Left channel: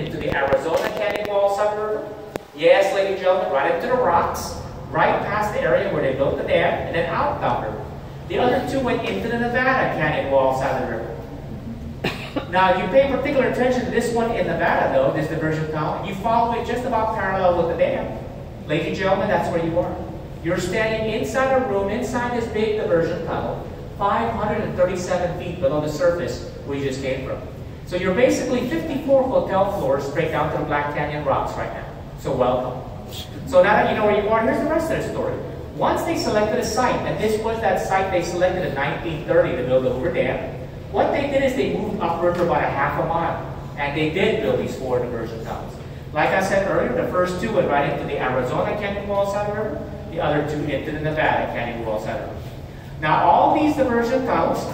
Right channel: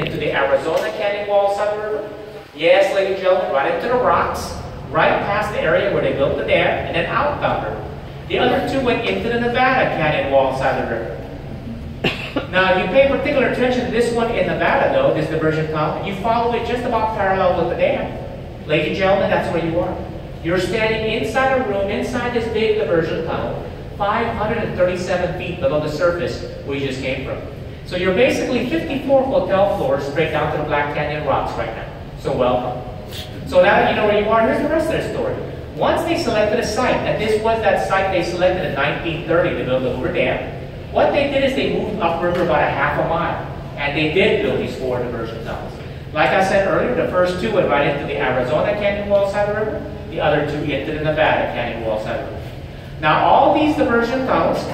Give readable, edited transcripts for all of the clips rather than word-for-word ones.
into the Arizona canyon walls of the river. Yes, ladies and gentlemen, right into the rocks, right past the area where they built the dam, and then out down the river. The other two went into the Nevada canyon wall side of the river. Now, you pay particular attention to this one in Nevada, though, this diversion tunnel. You follow it just about parallel with the dam. Ladies and gentlemen, that's where you are. You're standing inside a room, inside this big diversion tunnel, 537 feet below the surface where you just came from. So you're basically 54 hotel floors straight down to the Black Canyon rocks right now. So welcome. So now that you know where you are, here's the rest of the story. Once they selected a site, and this was that site they selected in 1930 to build the Hoover Dam, what they did is they moved upriver about a half a mile, and they did build these 4 diversion tunnels. Like I said earlier, the first 2 went right into the Arizona canyon wall side of the river, the other 2 into the Nevada canyon wall side of the river. Now all these diversion tunnels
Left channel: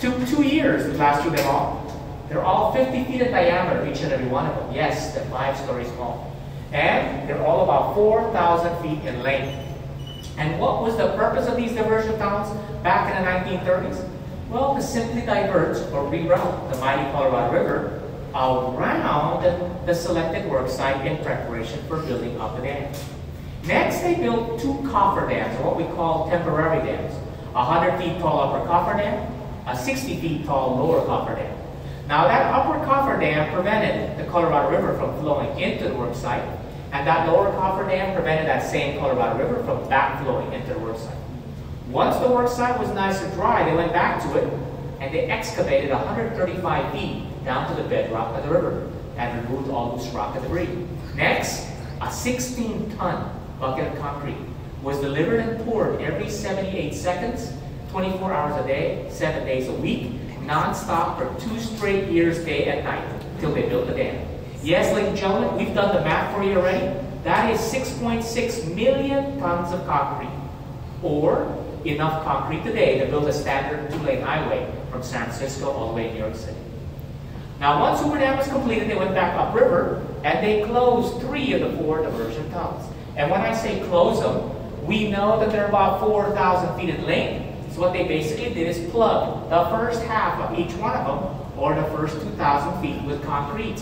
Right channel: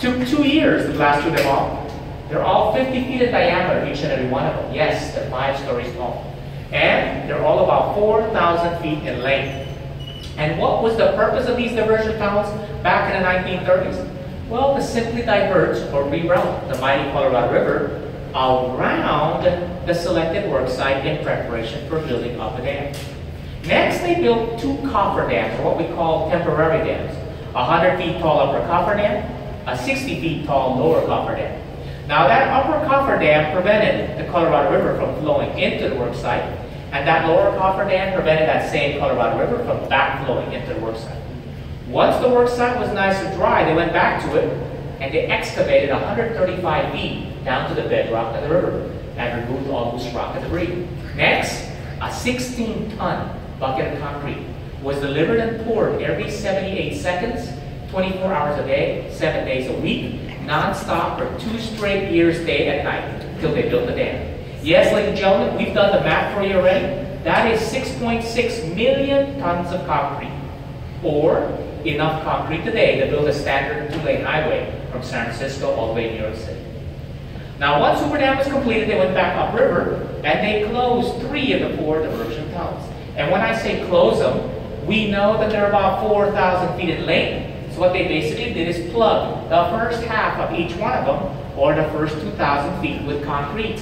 took 2 years to blast through them all. They're all 50 feet in diameter, each and every one of them. Yes, they're 5 stories tall. And they're all about 4,000 feet in length. And what was the purpose of these diversion tunnels back in the 1930s? Well, to simply divert or reroute the mighty Colorado River around the selected work site in preparation for building up a dam. Next, they built 2 coffer dams, or what we call temporary dams. A 100 feet tall upper coffer dam, a 60 feet tall lower coffer dam. Now that upper coffer dam prevented the Colorado River from flowing into the work site, and that lower coffer dam prevented that same Colorado River from backflowing into the work site. Once the work site was nice and dry, they went back to it, and they excavated 135 feet down to the bedrock of the river, and removed all loose rock and debris. Next, a 16-ton bucket of concrete was delivered and poured every 78 seconds, 24 hours a day, 7 days a week, non-stop for 2 straight years, day and night, until they built the dam. Yes, ladies and gentlemen, we've done the math for you already. That is 6.6 million tons of concrete, or enough concrete today to build a standard 2-lane highway from San Francisco all the way to New York City. Now, once Hoover Dam was completed, they went back upriver, and they closed 3 of the 4 diversion tunnels. And when I say close them, we know that they're about 4,000 feet in length. So what they basically did is plug the first half of each one of them, or the first 2,000 feet, with concrete.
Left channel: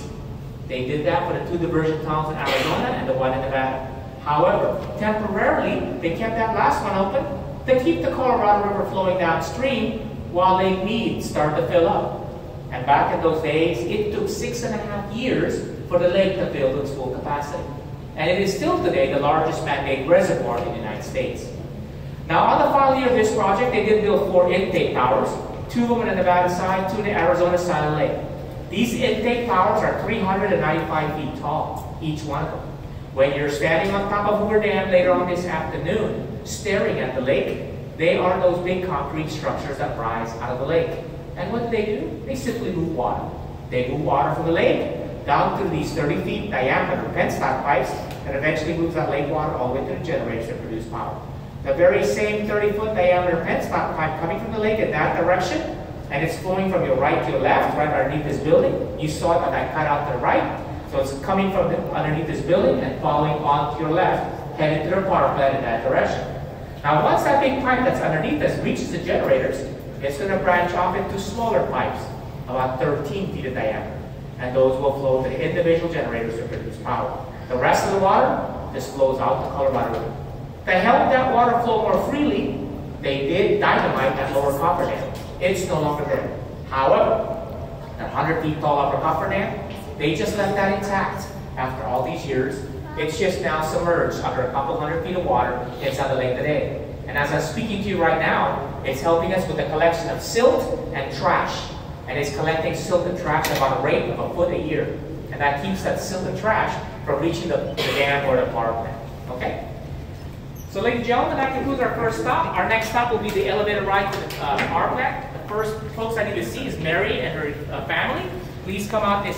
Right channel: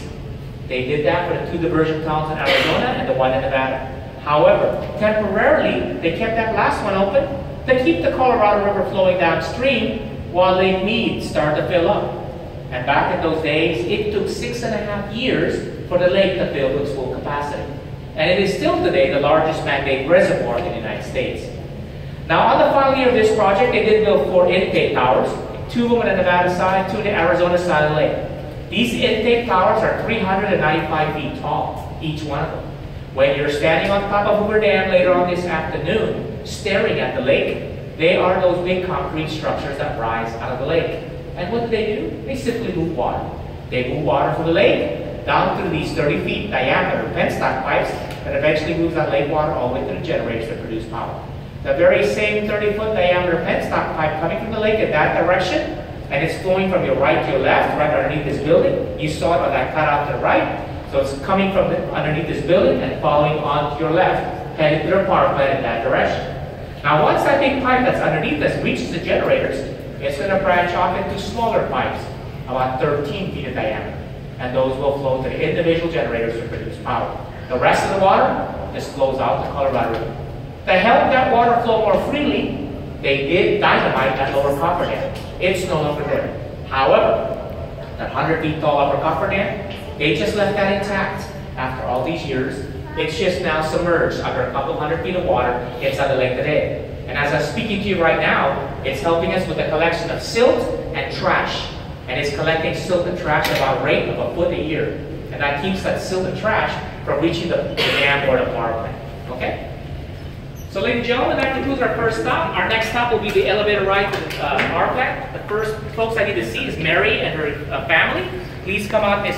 They did that for the 2 diversion tunnels in Arizona and the 1 in Nevada. However, temporarily, they kept that last one open to keep the Colorado River flowing downstream while Lake Mead started to fill up. And back in those days, it took 6.5 years for the lake to fill to its full capacity. And it is still today the largest man-made reservoir in the United States. Now, on the final year of this project, they did build 4 intake towers, 2 of them on the Nevada side, 2 on the Arizona side of the lake. These intake towers are 395 feet tall, each one of them. When you're standing on top of Hoover Dam later on this afternoon, staring at the lake, they are those big concrete structures that rise out of the lake. And what do? They simply move water. They move water from the lake down through these 30 feet diameter penstock pipes that eventually moves that lake water all the way to the generators that produce power. The very same 30-foot diameter penstock pipe coming from the lake in that direction, and it's flowing from your right to your left, right underneath this building. You saw it on that cutout to the right. So it's coming from underneath this building and following on to your left, headed to the power plant in that direction. Now, once that big pipe that's underneath us reaches the generators, it's going to branch off into smaller pipes, about 13 feet in diameter. And those will flow to the individual generators to produce power. The rest of the water just flows out to Colorado River. To help that water flow more freely, they did dynamite that lower coffer dam. It's no longer there. However, that 100 feet tall upper coffer dam, they just left that intact. After all these years, it's just now submerged under a couple 100 feet of water inside the lake today. And as I'm speaking to you right now, it's helping us with the collection of silt and trash. And it's collecting silt and trash at about a rate of a foot a year. And that keeps that silt and trash from reaching the dam or the power plant. Okay? So, ladies and gentlemen, that concludes our first stop. Our next stop will be the elevator ride to the power plant. The first folks I need to see is Mary and her family. Please come out this